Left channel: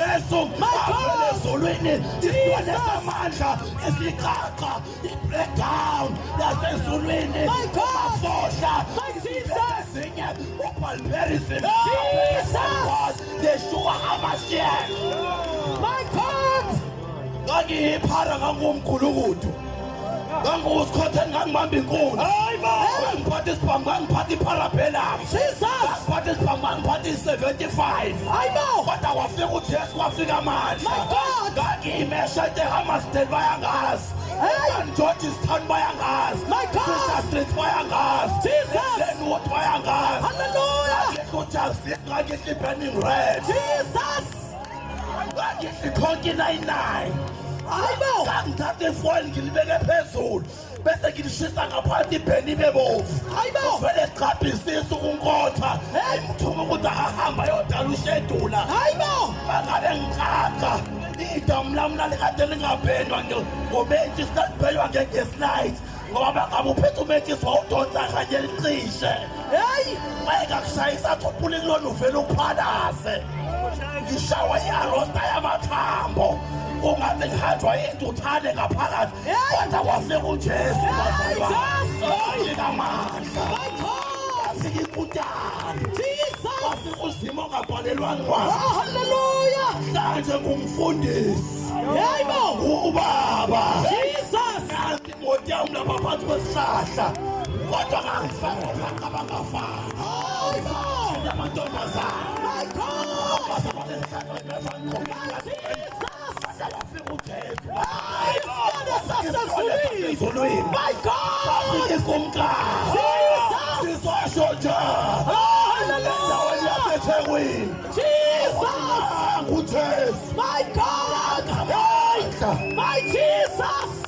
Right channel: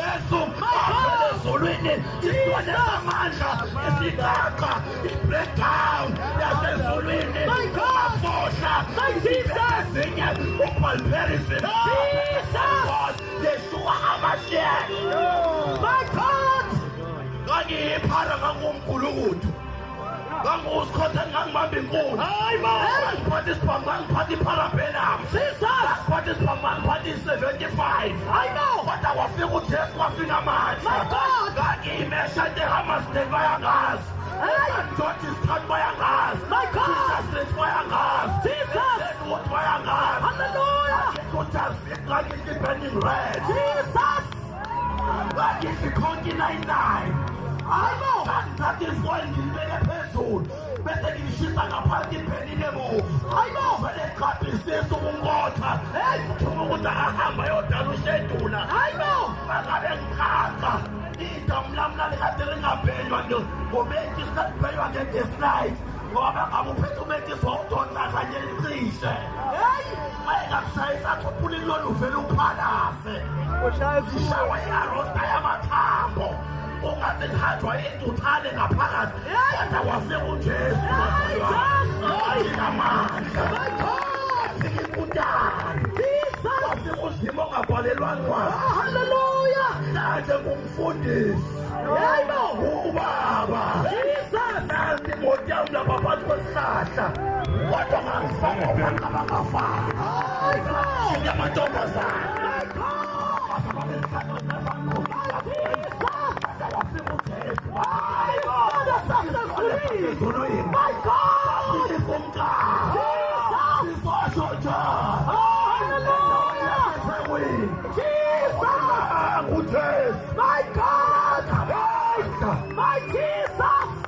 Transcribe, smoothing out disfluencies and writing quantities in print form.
Yesu avele ezulwini isibone samandla isiqaqa i-breakdown yasezulwini amafohla izinye ubalberism Yeshua HaMashiach. My God! Ngangiyiphara ngangumgulukudu ngangusikhotha ngangibamba inkunzi ngangiphatha isibhamu ngangiphatha iparabellum ngangiphatha isibhamu ngangiphatha i-75 kodwa kwafika uJesu kwafika amandla ngangiyimesha eHammersdale bayangazi George's Town bayangazi Fisher Street bayangazi Glenwood bayangazi Hallelujah! ngakithi burning red ngakithi konke 99 ngangithatha ifoni ngilibeke phezulu bese ngilishisa ngaphansi ibheni bebovu vele qaphisisa ukunkotha ngithuka ukuthi akahamba yodala ushedula mangabe ngiqaqa idamu lami lalikade lingabhenywa ngomethi sikalibhenywa nge-gas night ngoba ngabe uphethe umethisi wawudonsa kanye licishe mayekakushayisa athuphule kulona uvele uphalaze ngishawa i-arosta yamathambo kungathi ngihathwa intuthane ngaphakathi kodwa kwafika uJesu ayinamandla kwafika inkutane kwafika uzima ongabhalelwa ncwadi Hallelujah! mhlanje ngumfundisi ubaba nansi imoto yami lapha phansi kwesihlahla kodwa ngangifaka abangafani amantombazane My God! Jesus! My God! My Jesus!